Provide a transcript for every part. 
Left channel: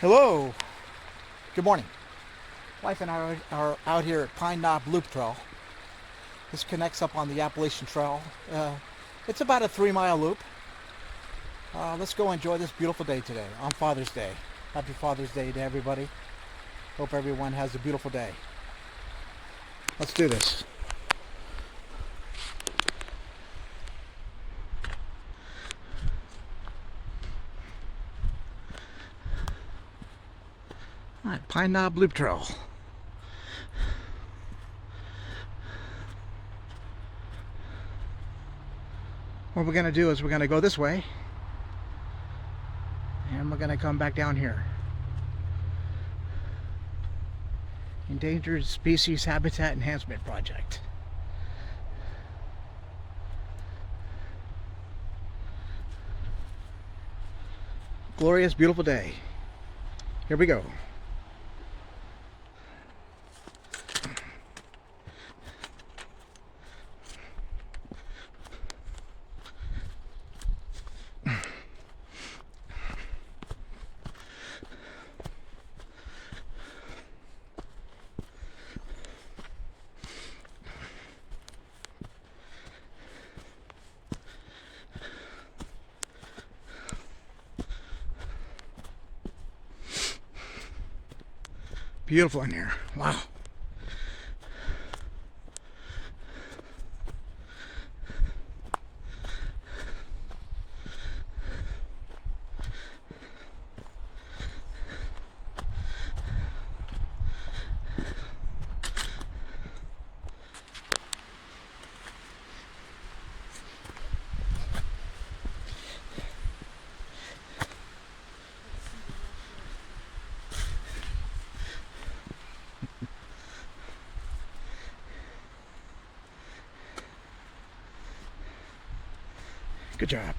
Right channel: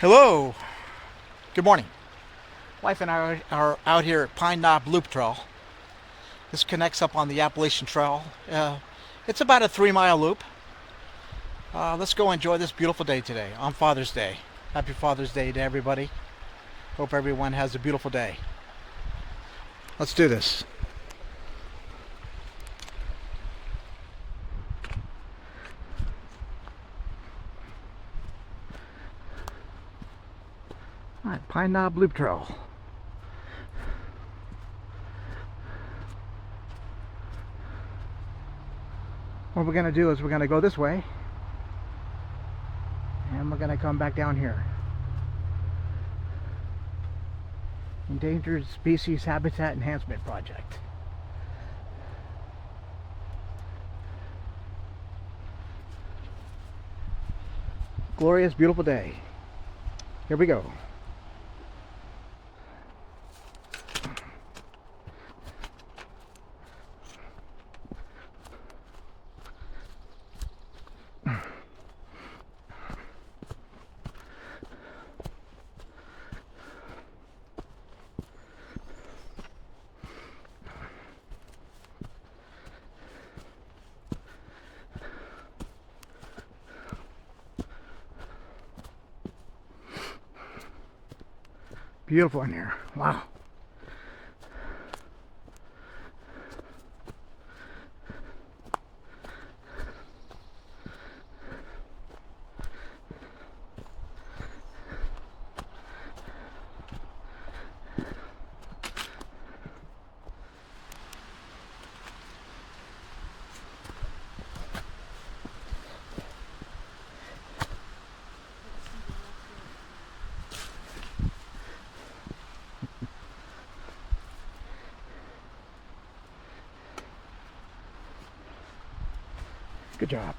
Hello. Good morning. Wife and I are out here at Pine Knob Loop Trail. This connects up on the Appalachian Trail. It's about a 3-mile loop. Let's go enjoy this beautiful day today on Father's Day. Happy Father's Day to everybody. Hope everyone has a beautiful day. Let's do this. All right, Pine Knob Loop Trail. What we're going to do is we're going to go this way and we're going to come back down here. Endangered Species Habitat Enhancement Project. Glorious, beautiful day. Here we go. Beautiful in here. Wow. Good job.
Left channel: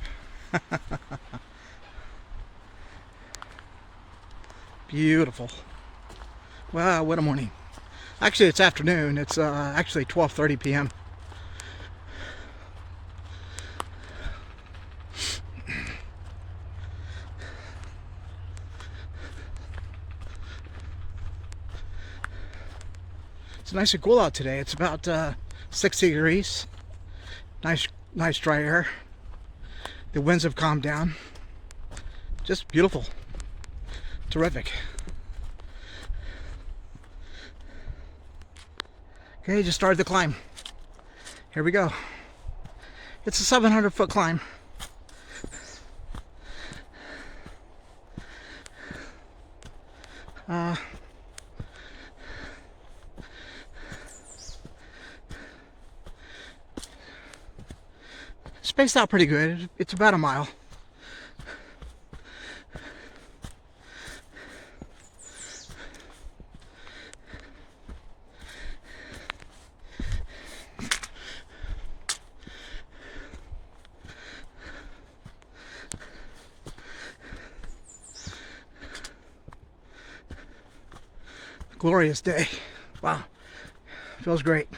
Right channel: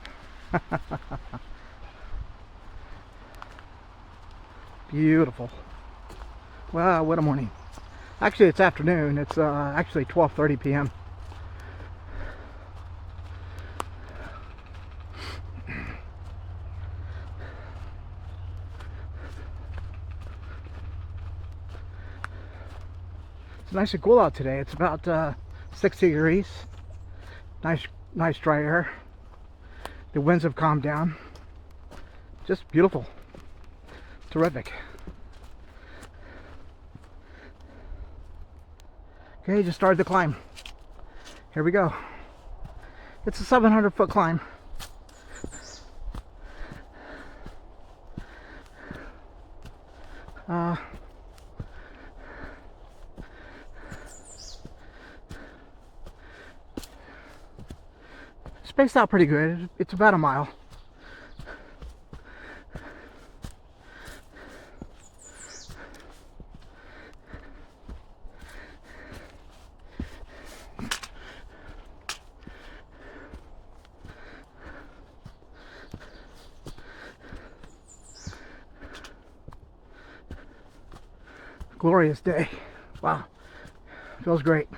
Beautiful. Wow, what a morning. Actually, it's afternoon. It's actually 12:30 p.m. It's nice and cool out today. It's about 60 degrees. Nice dry air. The winds have calmed down. Just beautiful. Terrific. Okay, just started the climb. Here we go. It's a 700-foot climb. Spaced out pretty good. It's about a mile. Glorious day. Wow. Feels great.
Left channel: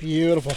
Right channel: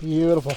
Beautiful.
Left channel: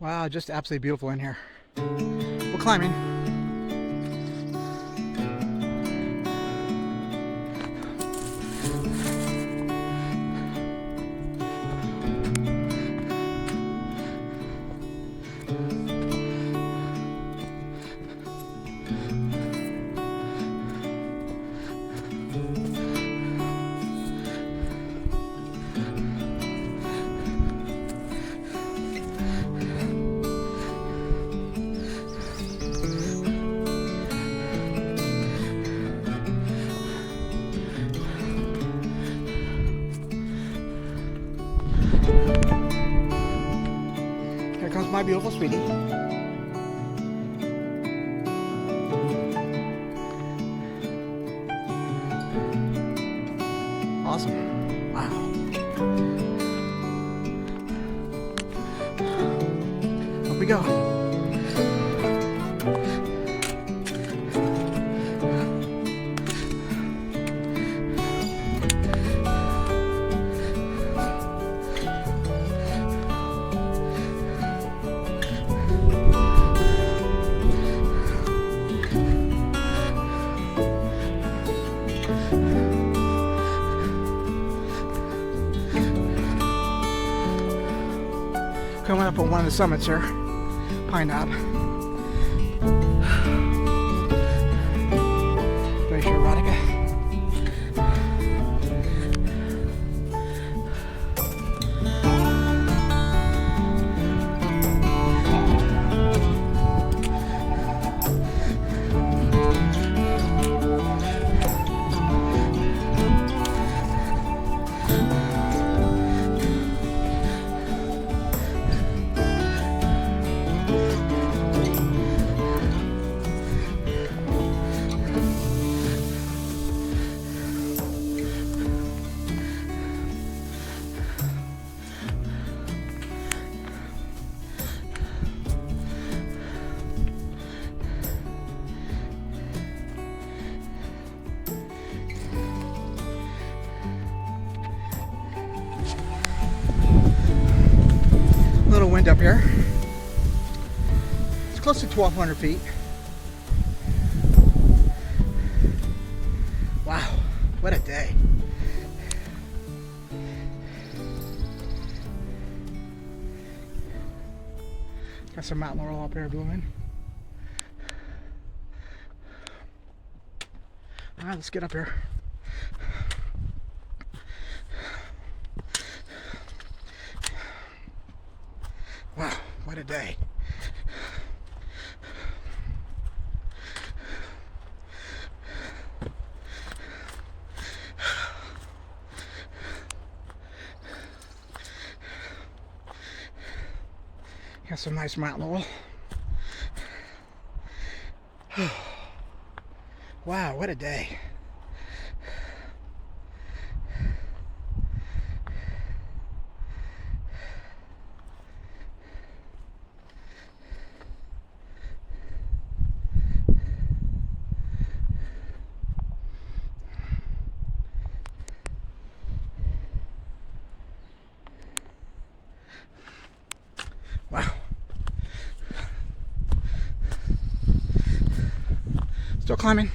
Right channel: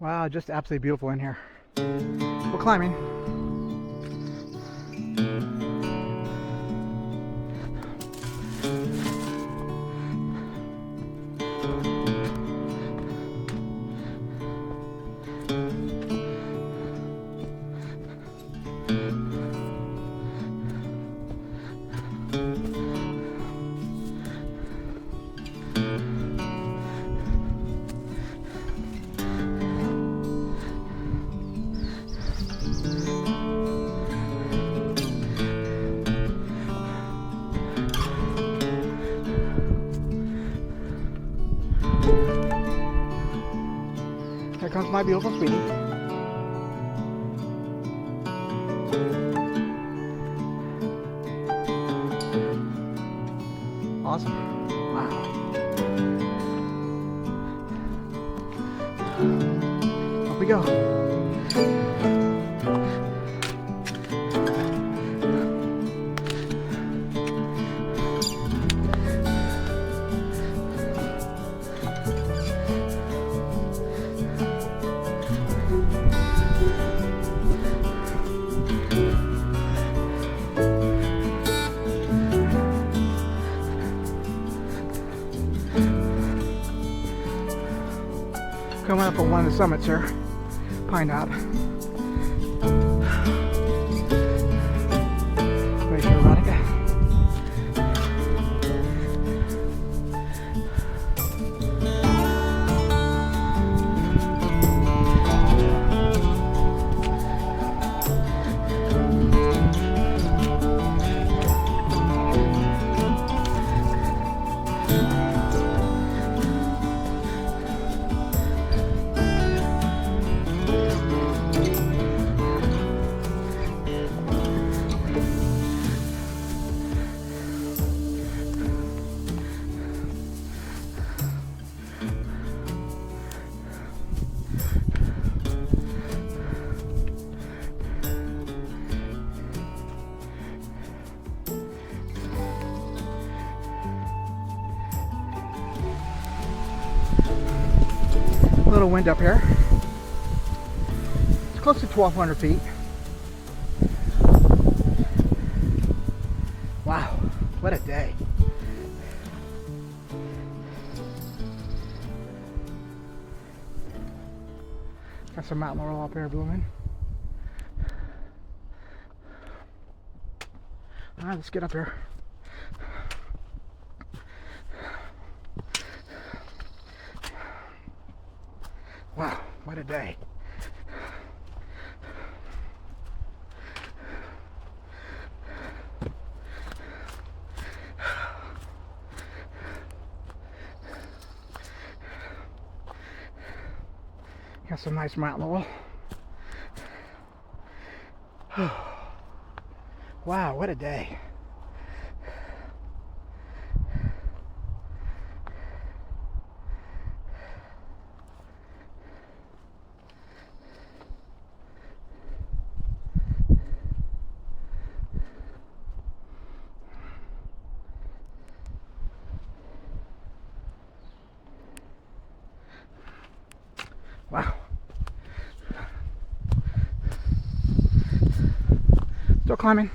Wow, just absolutely beautiful in here. We're climbing. comes my beautiful sweetie. Awesome. Wow. Up we go. Coming up on one of the summits here, Pine Knob. Glacier Erotica. A little wind up here. It's close to 1,200 feet. Wow, what a day. Got some mountain laurel up here blooming. All right, let's get up here. Wow, what a day. Got some nice mountain laurel. Wow, what a day. Wow. Still climbing.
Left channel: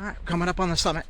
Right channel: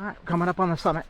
All right, coming up on the summit.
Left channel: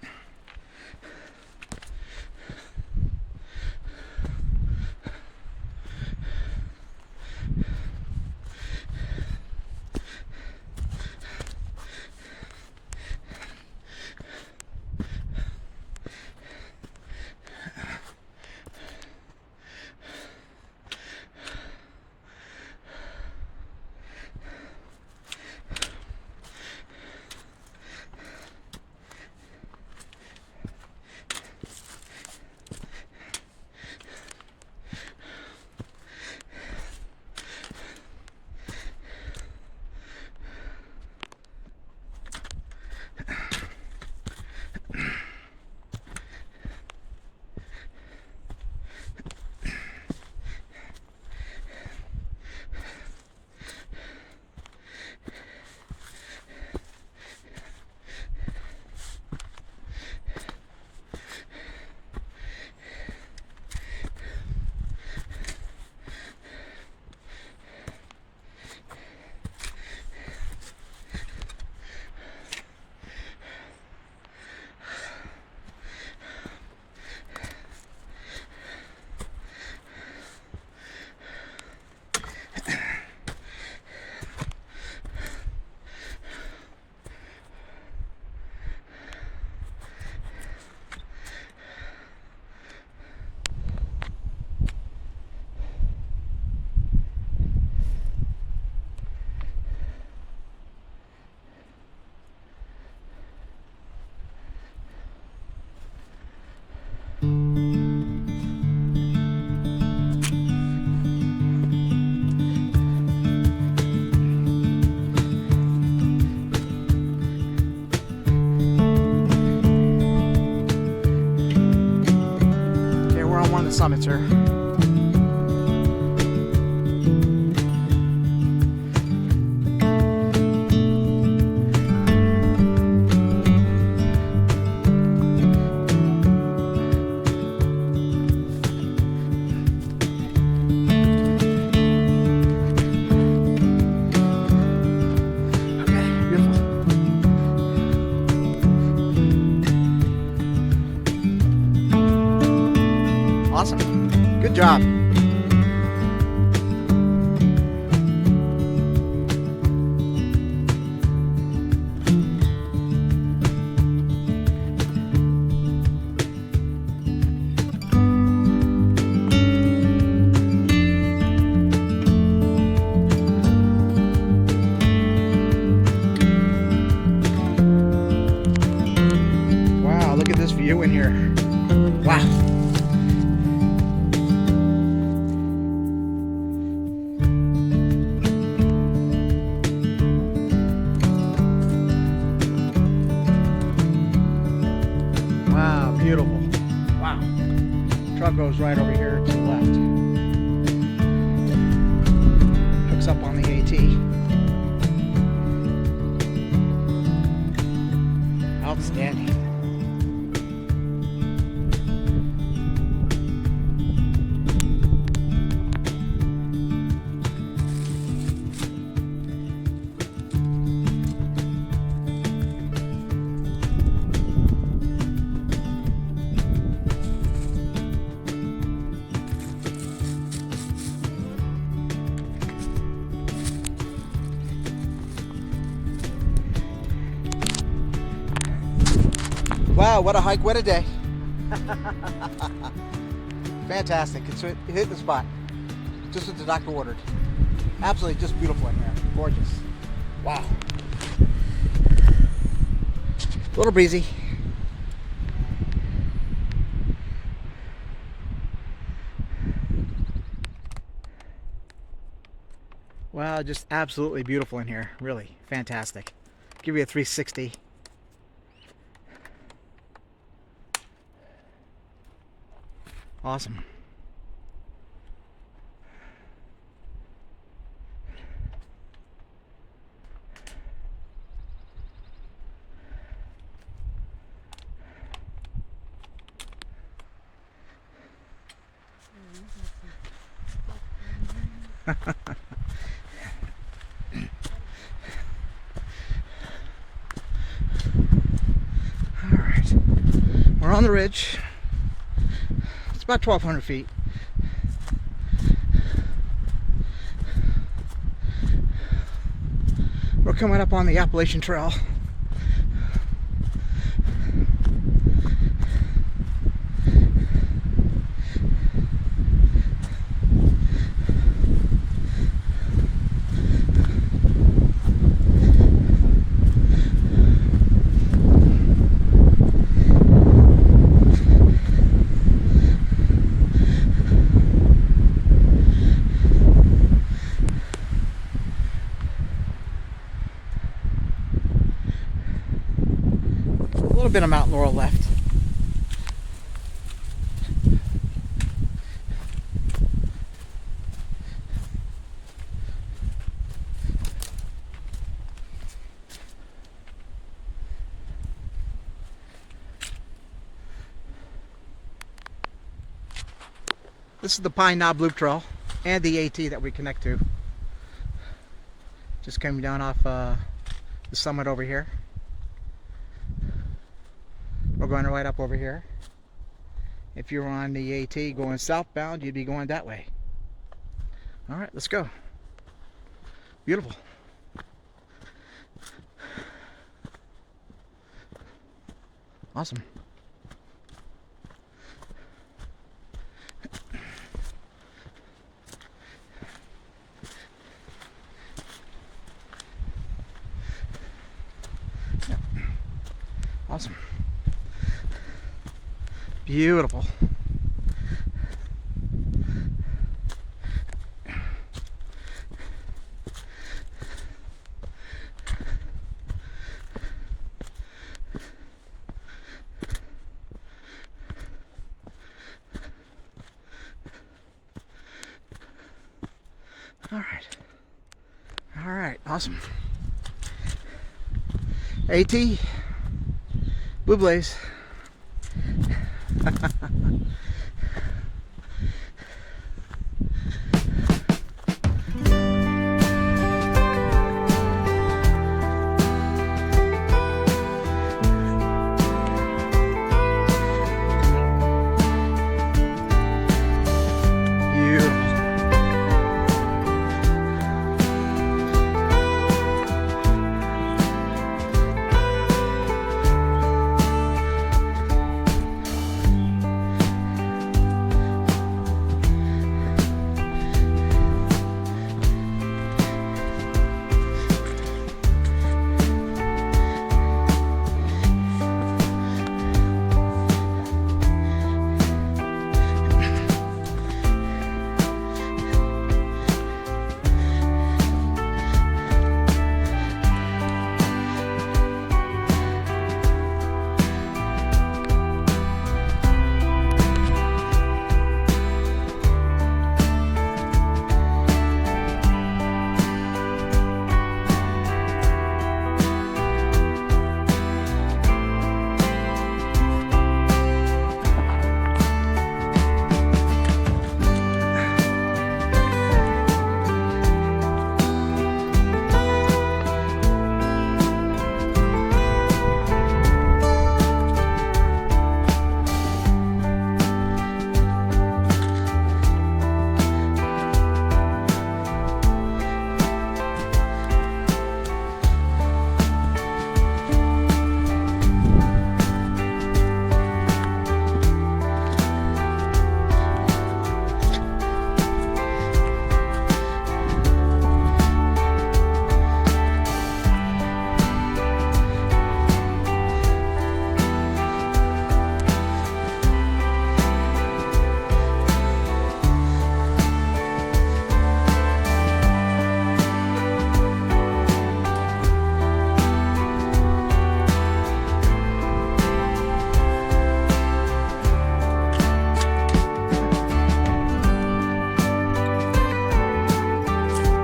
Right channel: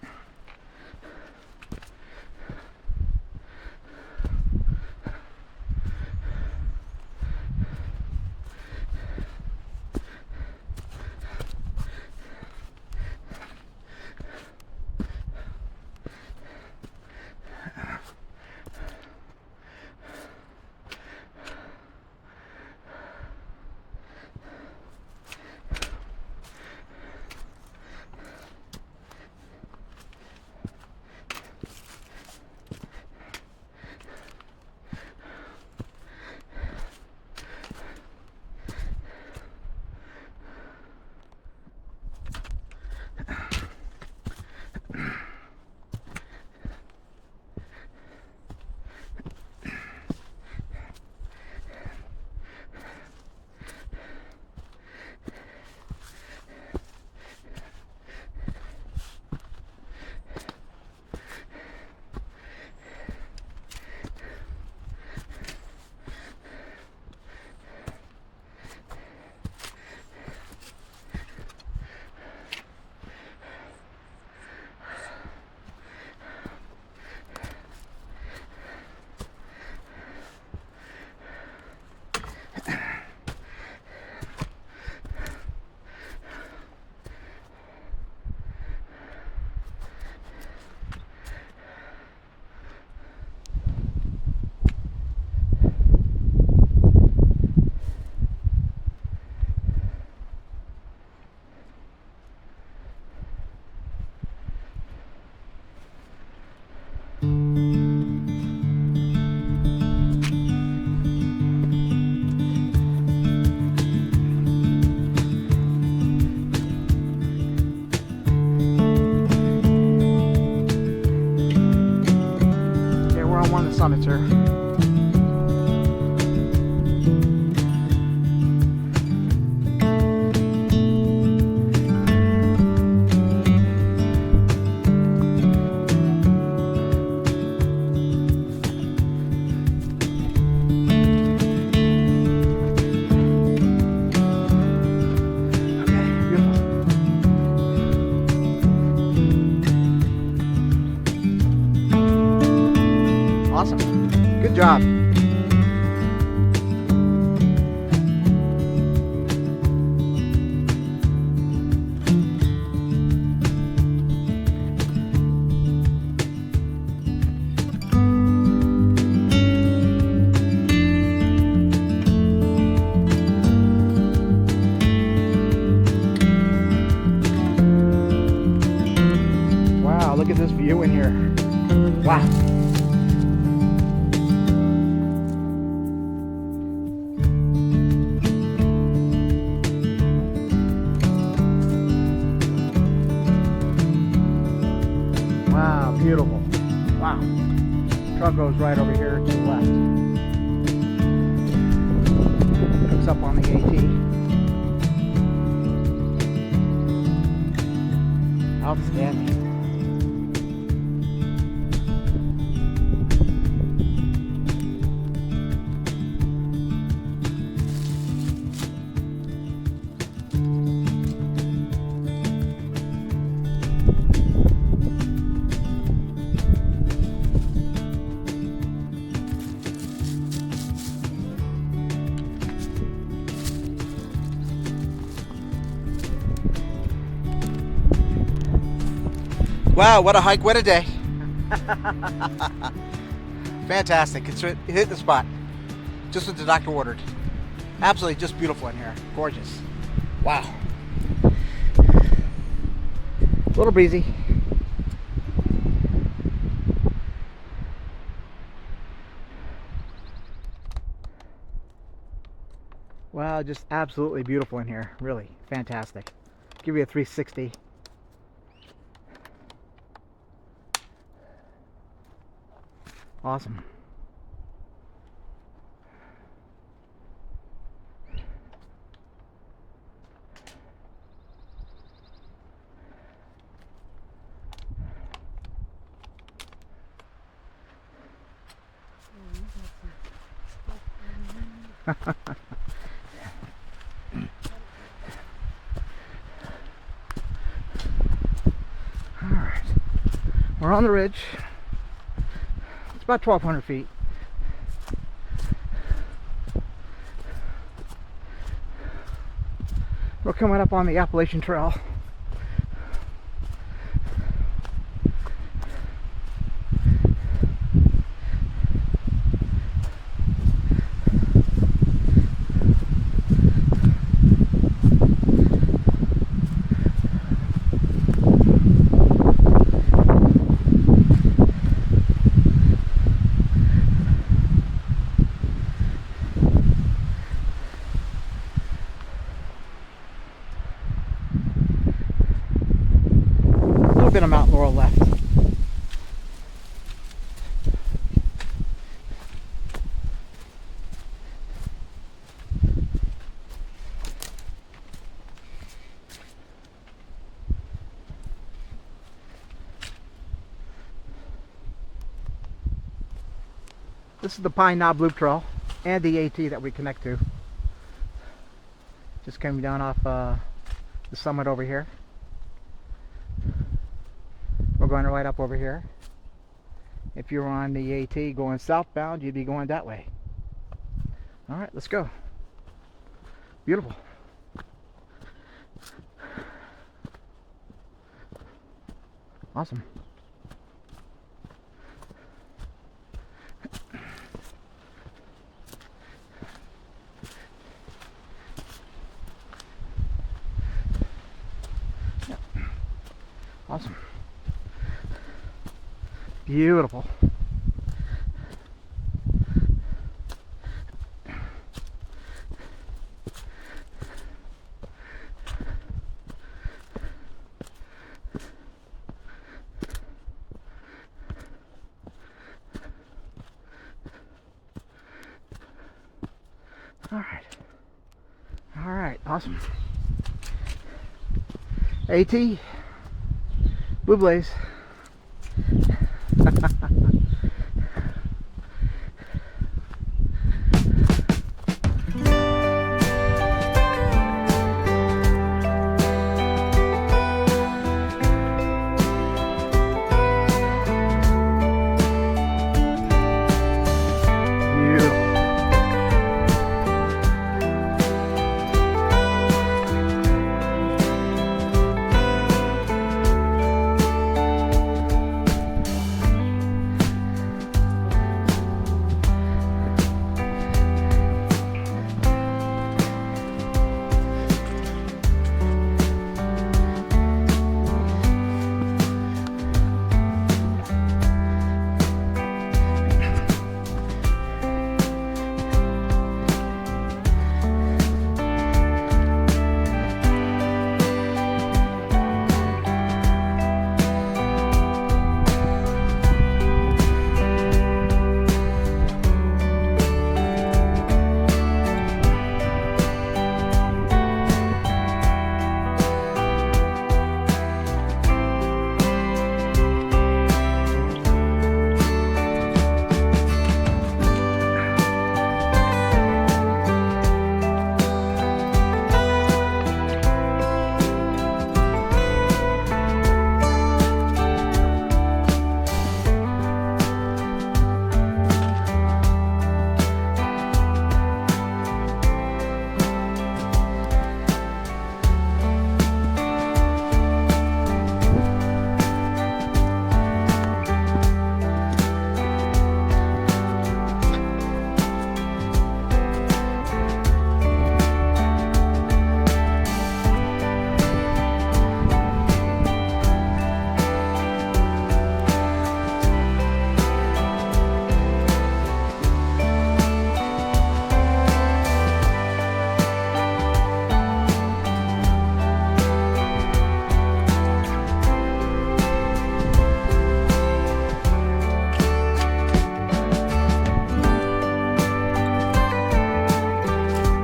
summits here. Awesome. Good job. Wow, look at this view in here. Wow. Wow, beautiful. Wow. Truck goes right over here to the left. Hooks up on the AT. Outstanding. Wow, what a hike, what a day. Fantastic. It hit the spot. Just what the doctor ordered. Absolutely just beautiful in here. Gorgeous. Wow. A little breezy. Wow, just absolutely beautiful in here. Really fantastic. Give you a 360. Awesome. All right, we're on the ridge. It's about 1,200 feet. We're coming up on the Appalachian Trail. A little bit of Mount Laurel left. This is the Pine Knob Loop Trail and the AT that we connect to. Just coming down off the summit over here. We're going right up over here. If you're on the AT going southbound, you'd be going that way. All right, let's go. Beautiful. Awesome. Yeah. Awesome. Beautiful. Awesome. AT, Blue Blaze.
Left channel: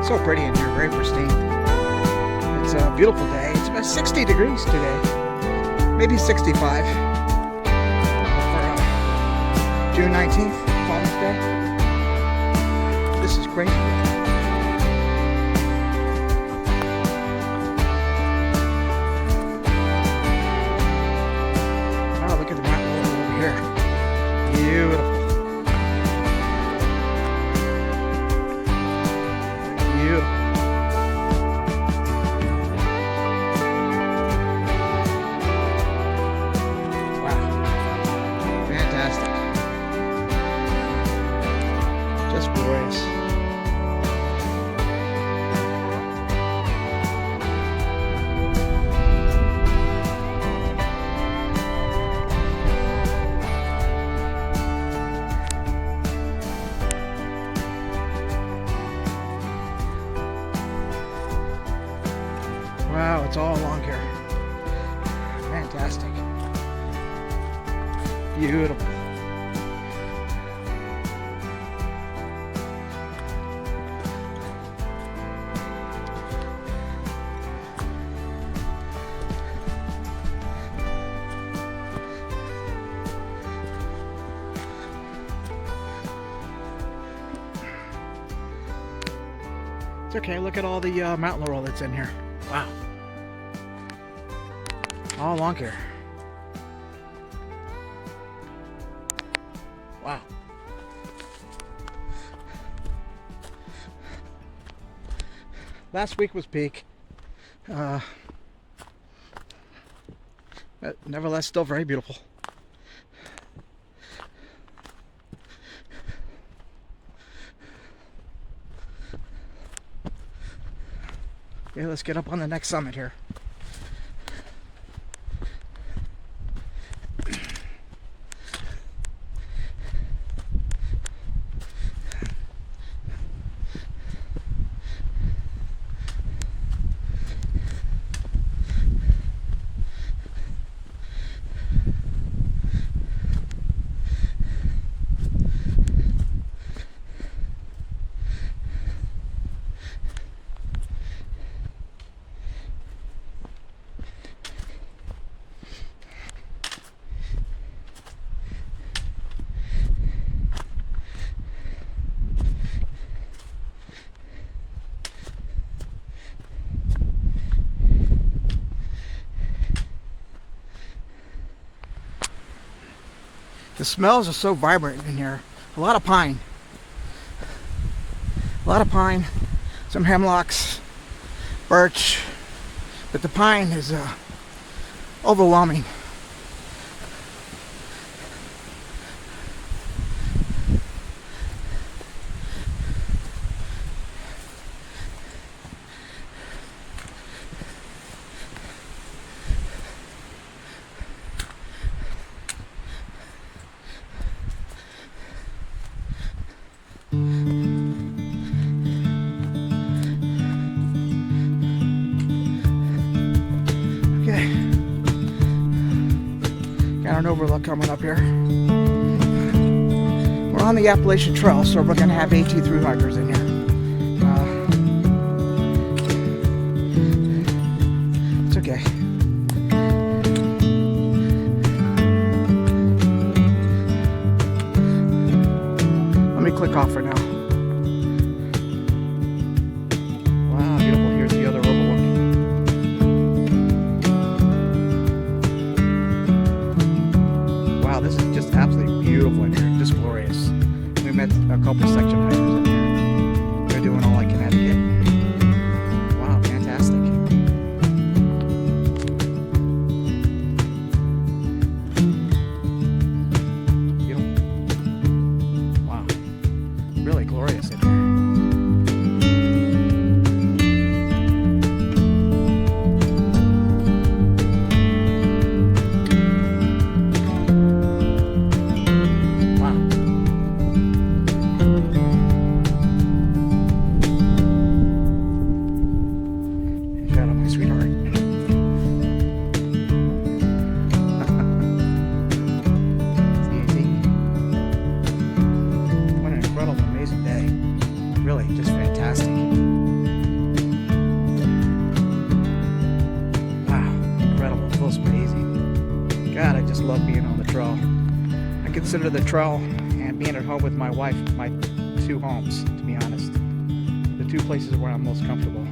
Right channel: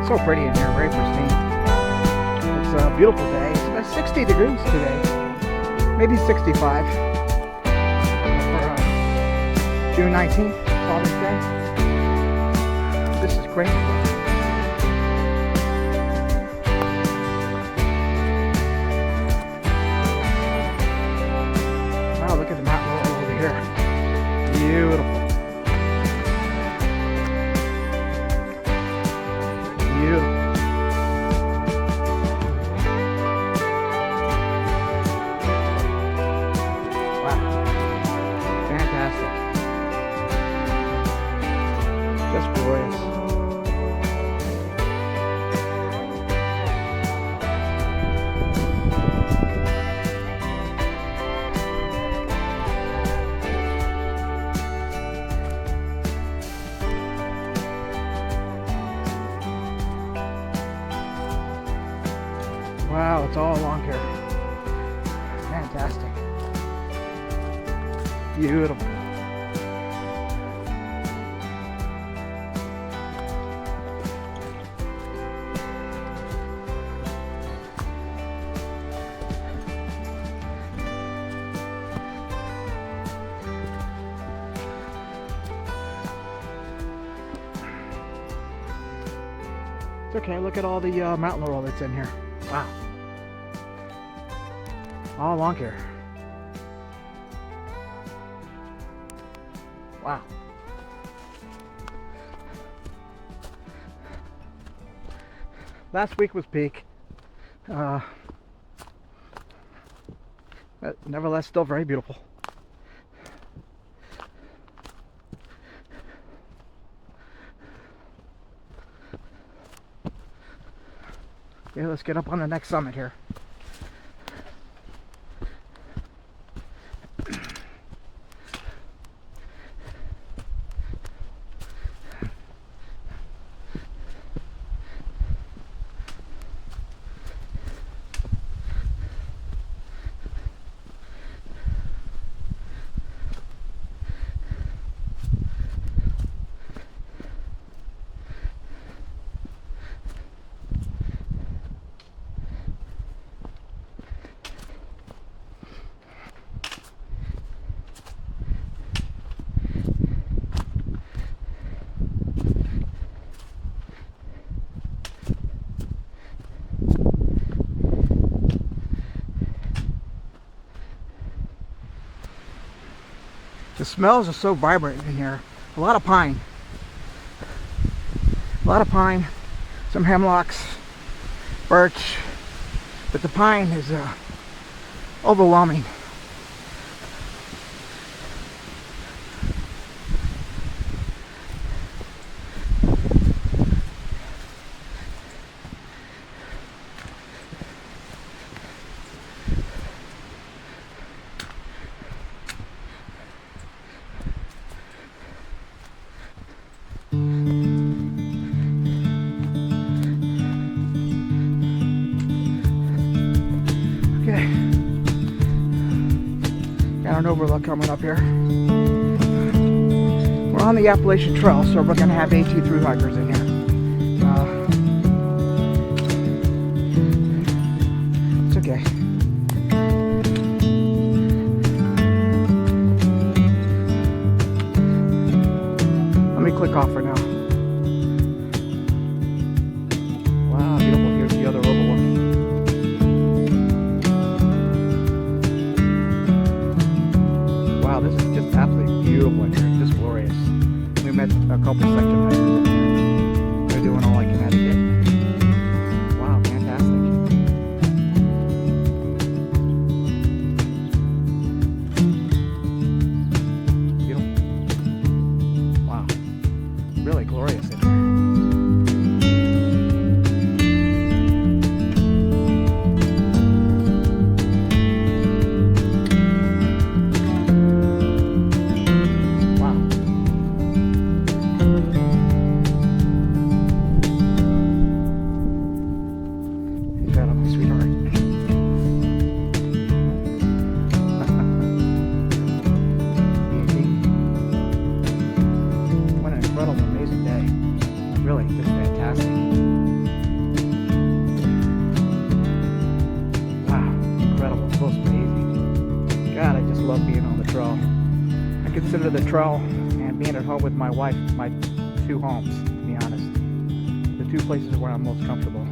So pretty in here, very pristine. It's a beautiful day. It's about 60 degrees today, maybe 65 for June 19th, Father's Day. This is great. Wow, look at the mountain road over here. Beautiful. Beautiful. Wow. Fantastic. Just glorious. Wow, it's all along here. Fantastic. Beautiful. It's okay, look at all the mountain laurel that's in here. Wow. All along here. Wow. Last week was peak. But nevertheless, still very beautiful. Okay, let's get up on the next summit here. The smells are so vibrant in here. A lot of pine. A lot of pine. Some hemlocks, birch. But the pine is overwhelming. Got an overlook coming up here. We're on the Appalachian Trail, so we're going to have AT through hikers in here. It's okay. Let me click off for now. Wow, beautiful. Here's the other overlook. This is just absolutely beautiful in here, just glorious. We met a couple section hikers in here. They're doing all I Connecticut. Wow, fantastic. Beautiful. Wow, really glorious in here. Really, just fantastic. Wow, incredible. It feels crazy. God, I just love being on the trail. I consider the trail and being at home with my wife my two homes, to be honest. The two places where I'm most comfortable.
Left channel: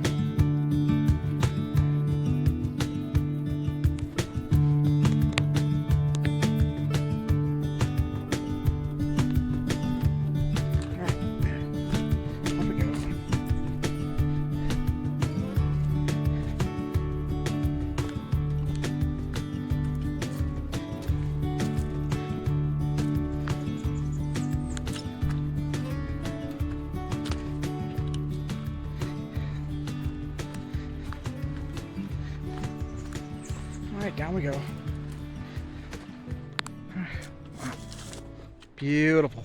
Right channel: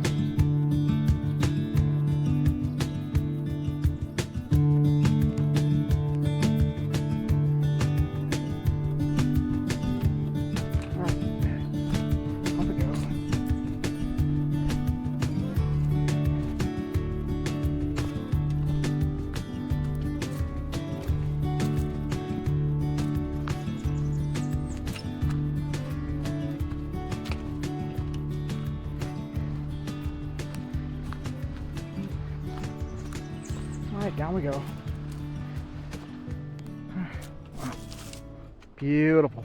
All right, down we go. Wow. Beautiful.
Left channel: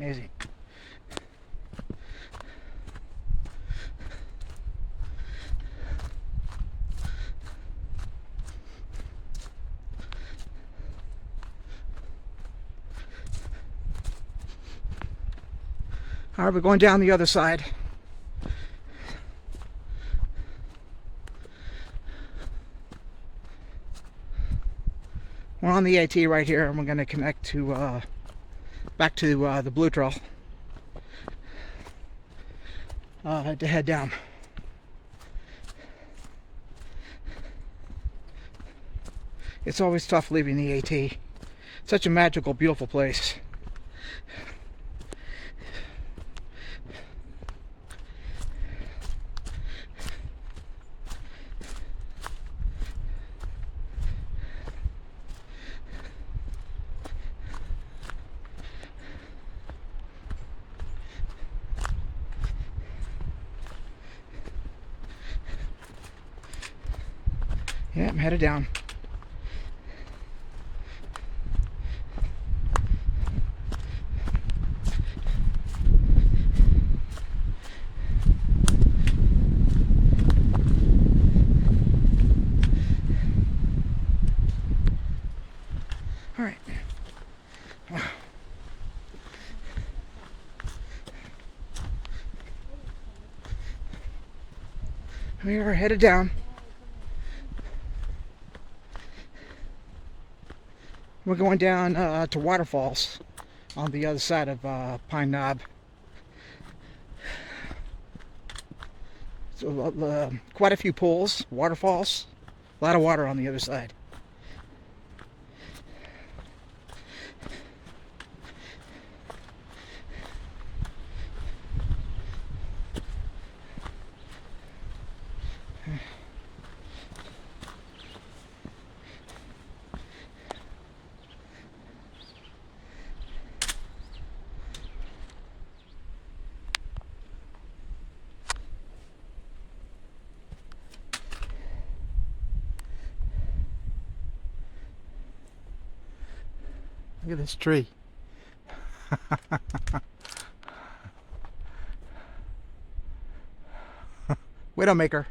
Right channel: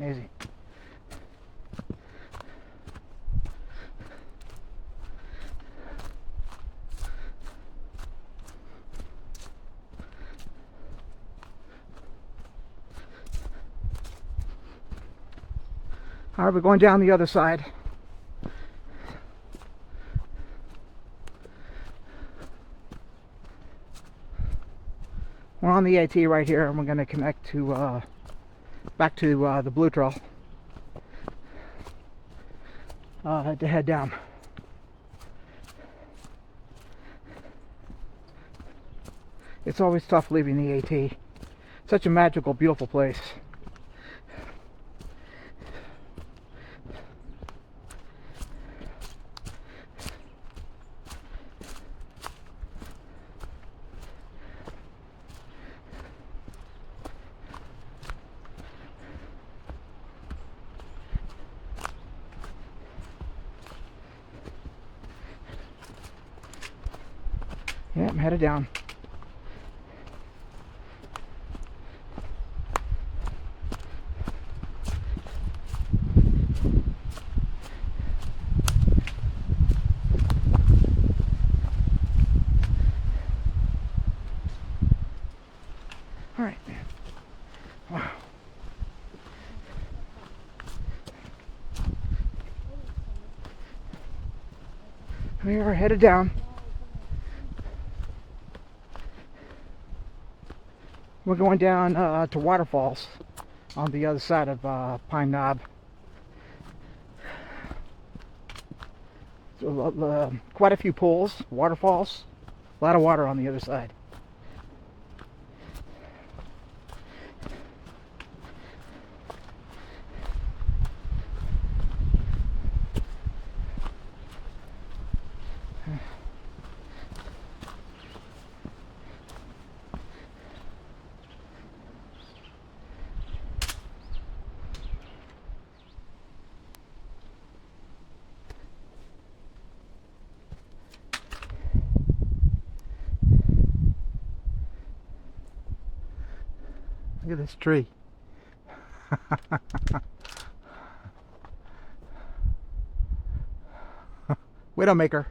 Amazing. All right, we're going down the other side. We're on the AT right here, and we're going to connect to back to the Blue Trail to head down. It's always tough leaving the AT. Such a magical, beautiful place. Yeah, I'm headed down. All right. Wow. We are headed down. We're going down to waterfalls on the other side of Pine Knob. So, quite a few pools, waterfalls, a lot of water on the other side. Look at this tree. Widowmaker.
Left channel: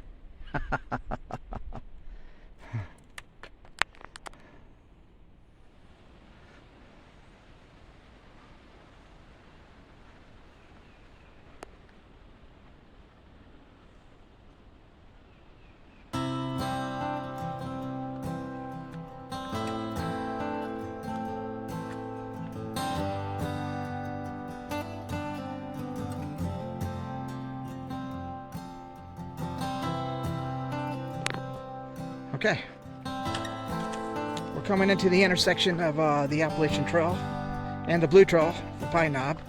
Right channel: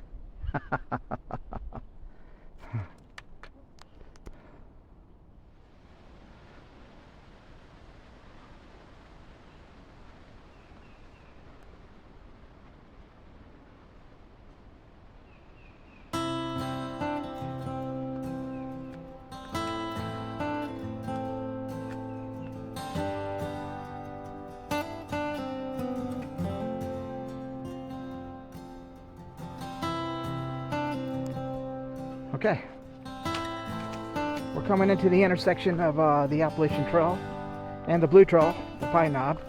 Okay, we're coming into the intersection of the Appalachian Trail and the Blue Trail, the Pine Knob.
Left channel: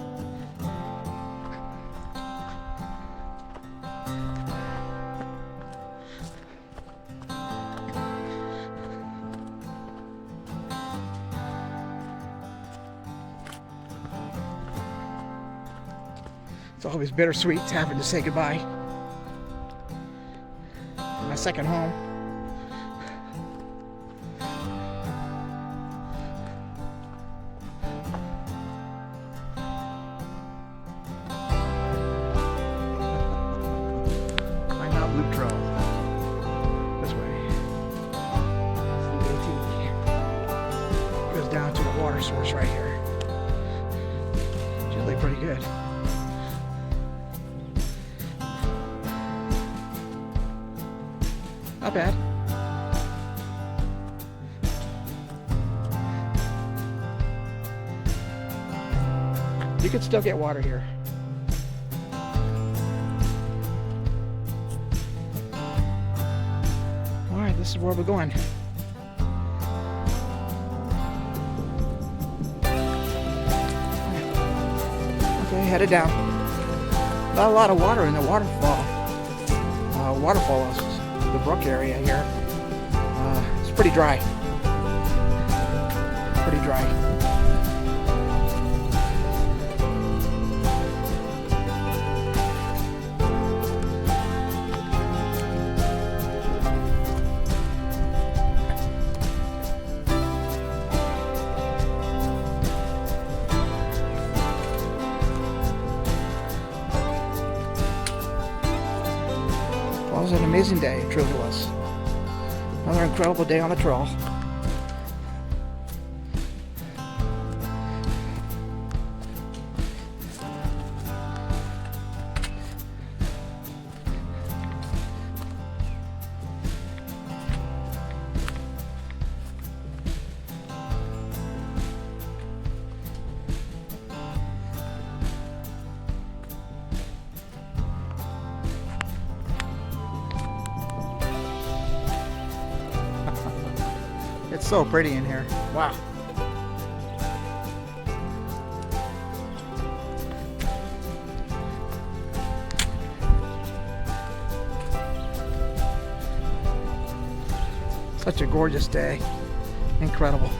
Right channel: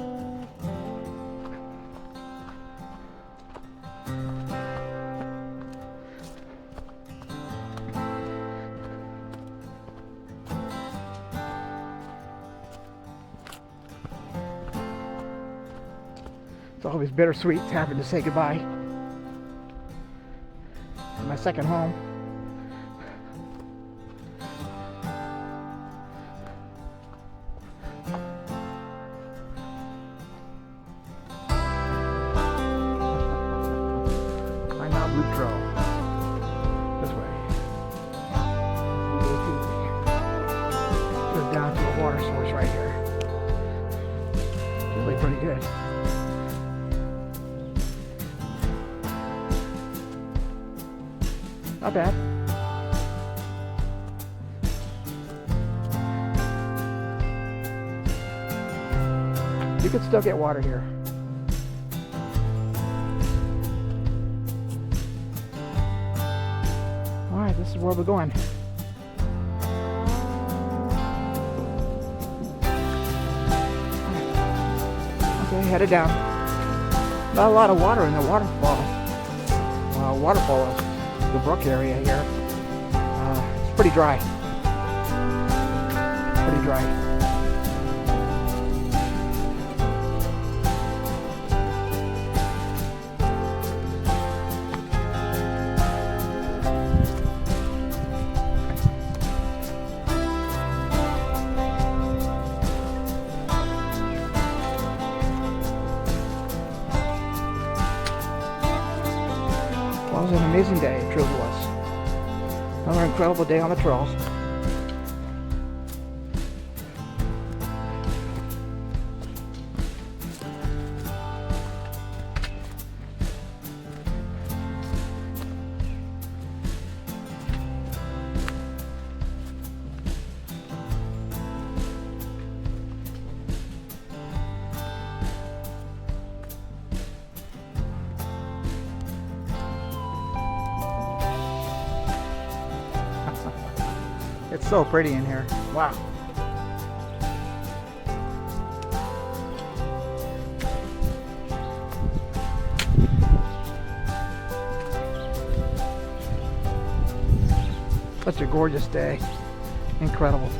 It's always bittersweet having to say goodbye. My second home. Loop Trail. This way. Goes down to a water source right here. It's really pretty good. Not bad. You could still get water here. Alright, this is where we're going. Okay, headed down. Not a lot of water in the waterfall. Waterfall is the brook area here. It's pretty dry. Pretty dry. Well, it was an amazing day, it truly was. Another incredible day on the trail. It's so pretty in here. Wow. Such a gorgeous day. Incredible.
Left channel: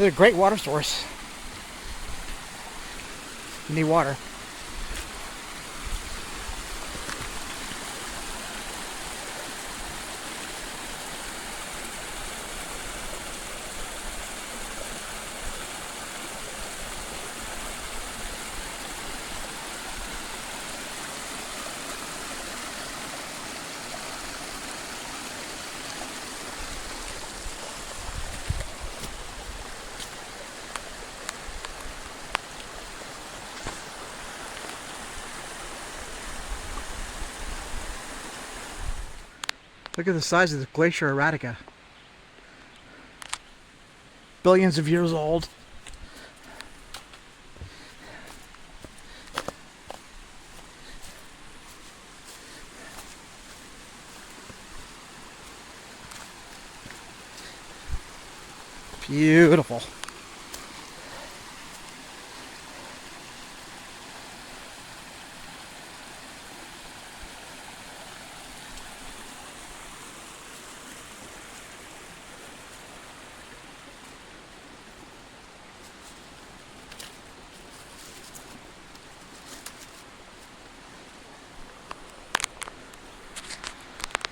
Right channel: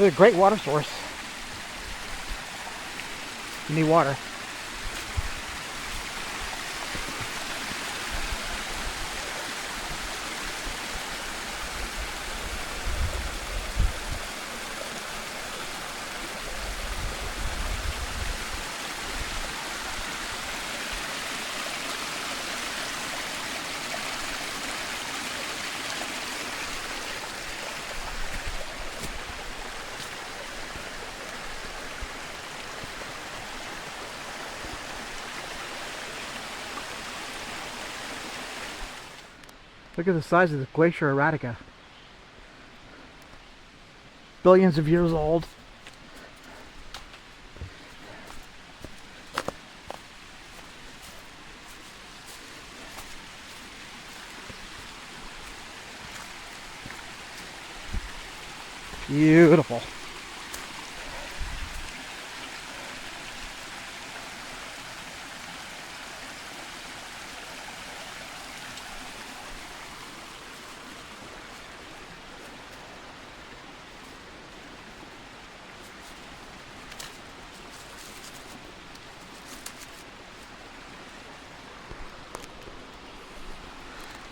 It's a great water source. You need water. Look at the size of the Glacier Erratica. Billions of years old. Beautiful.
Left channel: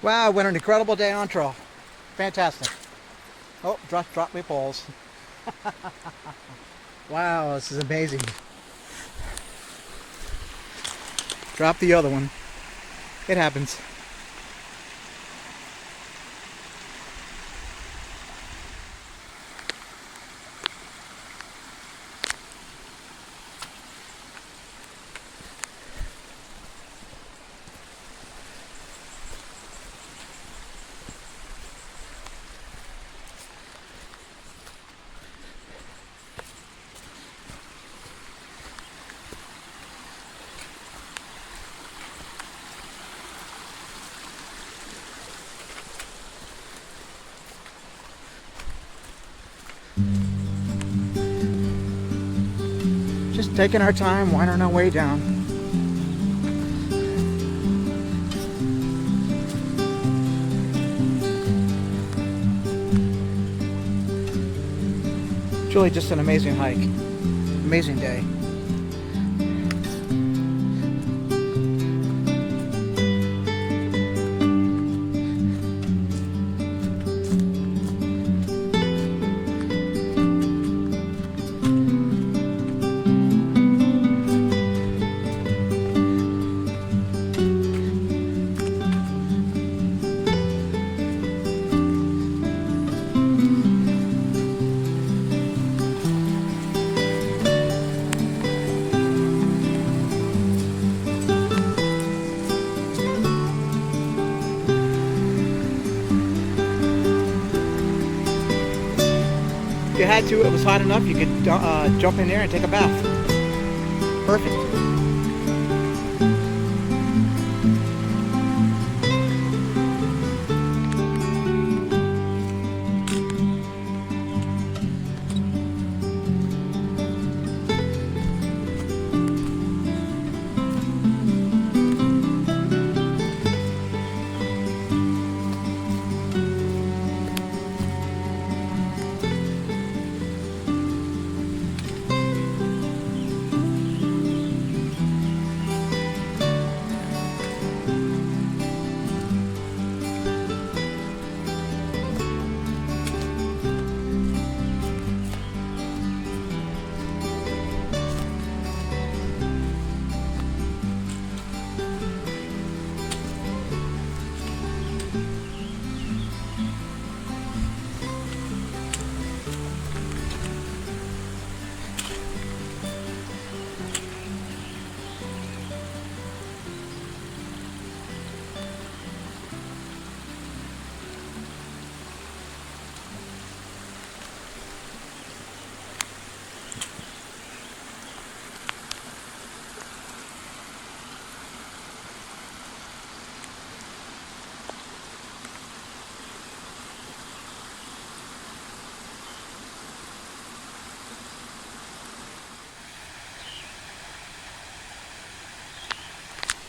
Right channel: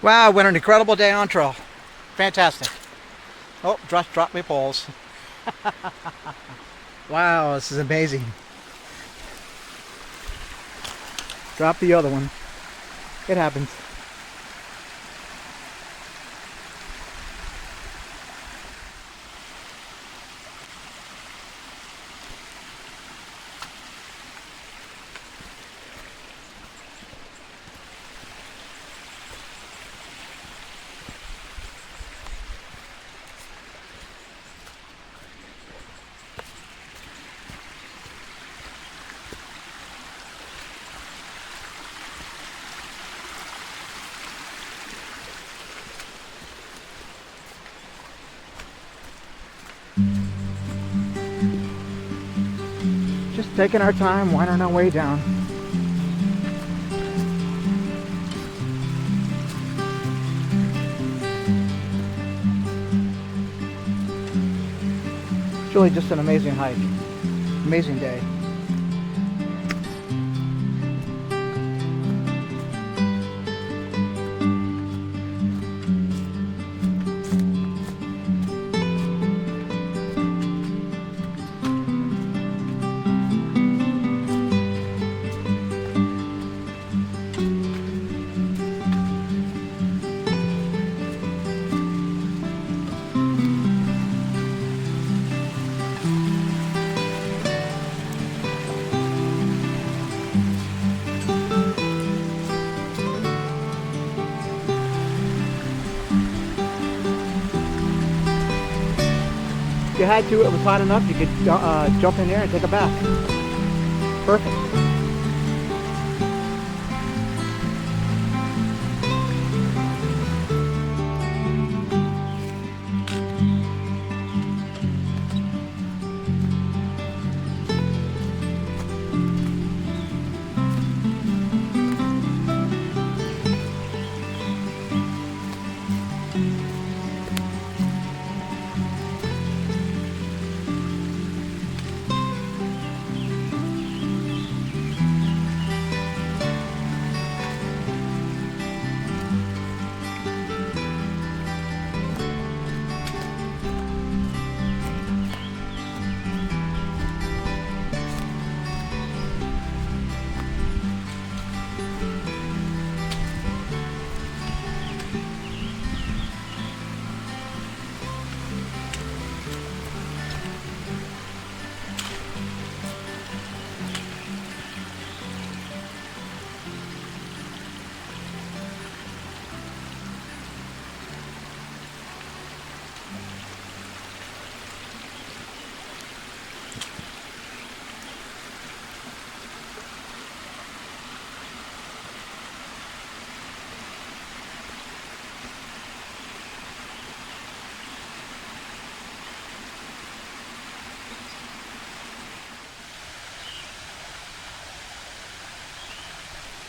Wow, what an incredible day on trail. Fantastic. Oh, drop my poles. Wow, this is amazing. Drop the other one. It happens. Just taking our time, winding our way down. It's really just an amazing hike. Amazing day. If you had to, it was hot enough, you could jump in there and take a bath. Perfect.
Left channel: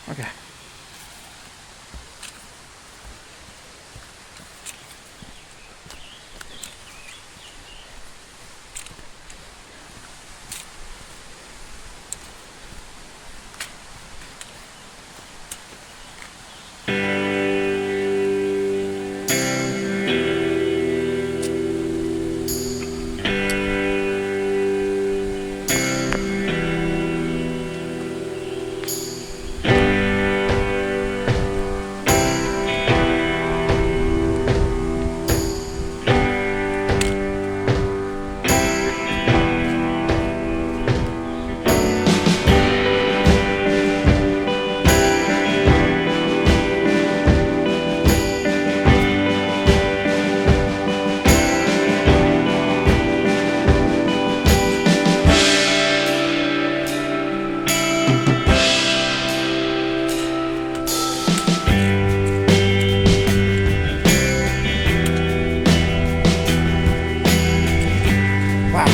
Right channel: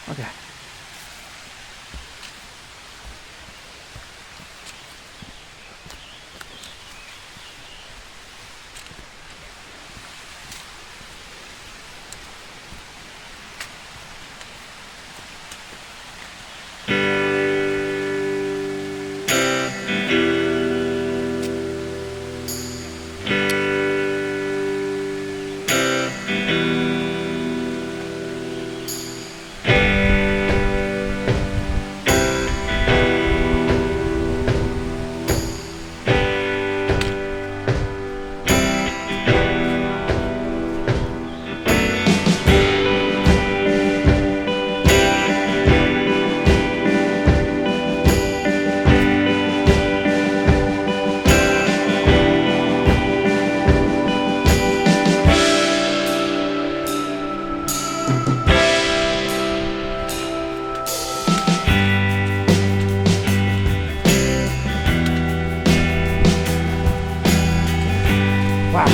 Okay. Wow.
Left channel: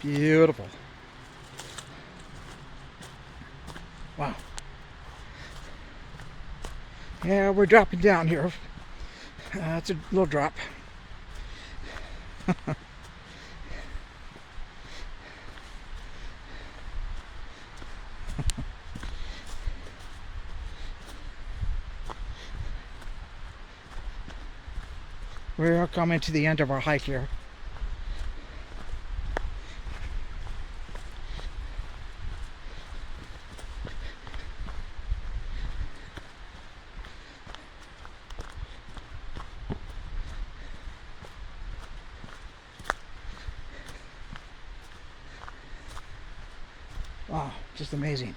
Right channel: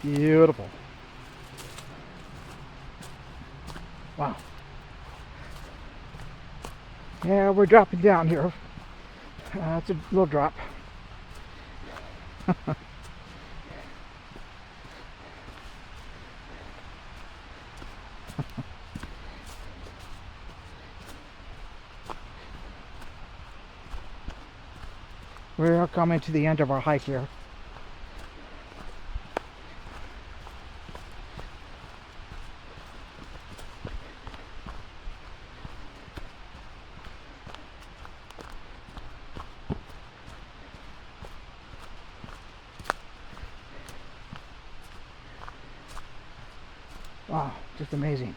Beautiful. Wow. Yeah, we're dropping down here. It's a little drop. We're coming to the end of our hike here. Wow, just amazing.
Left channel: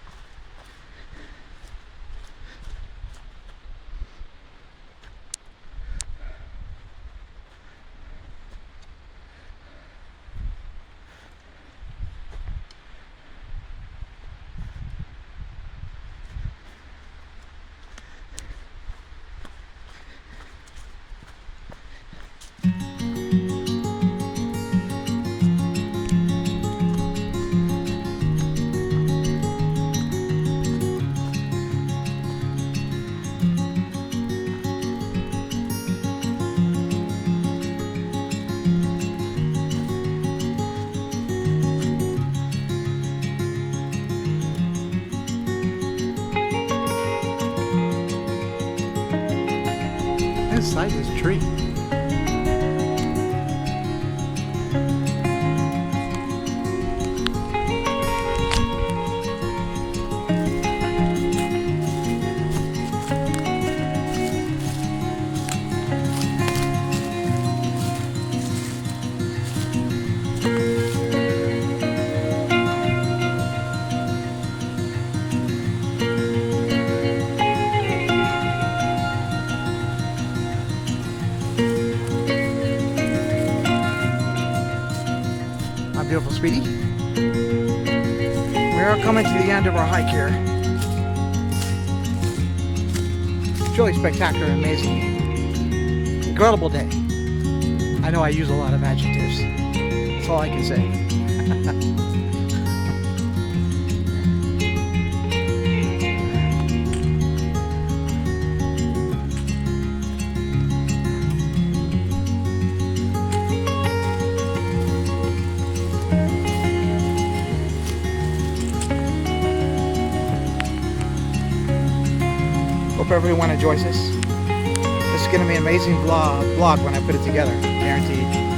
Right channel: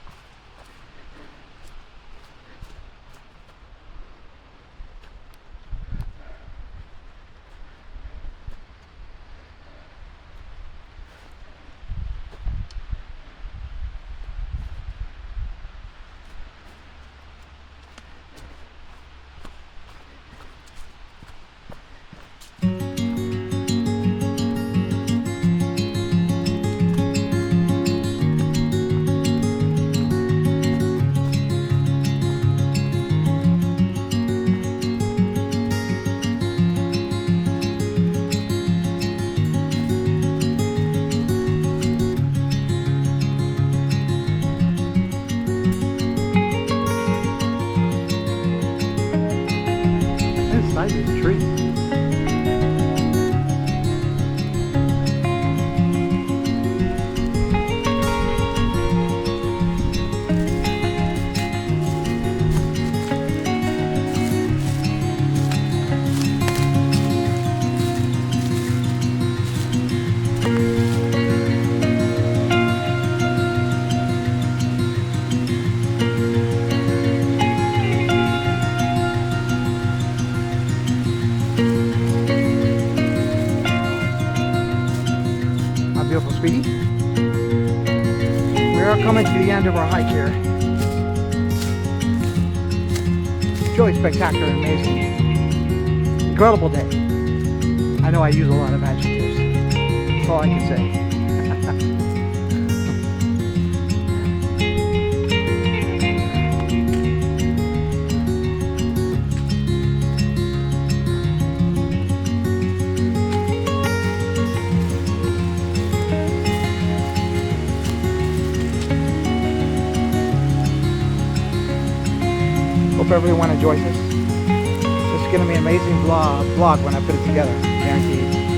Inside this tree. My beautiful Speedy. We are coming to the end of our hike here. truly spectacular, amazing, incredible day. I know I use a lot of adjectives. That's all I can say. Hope everyone enjoys this. This is going to be an amazing vlog when I put it together, guaranteed.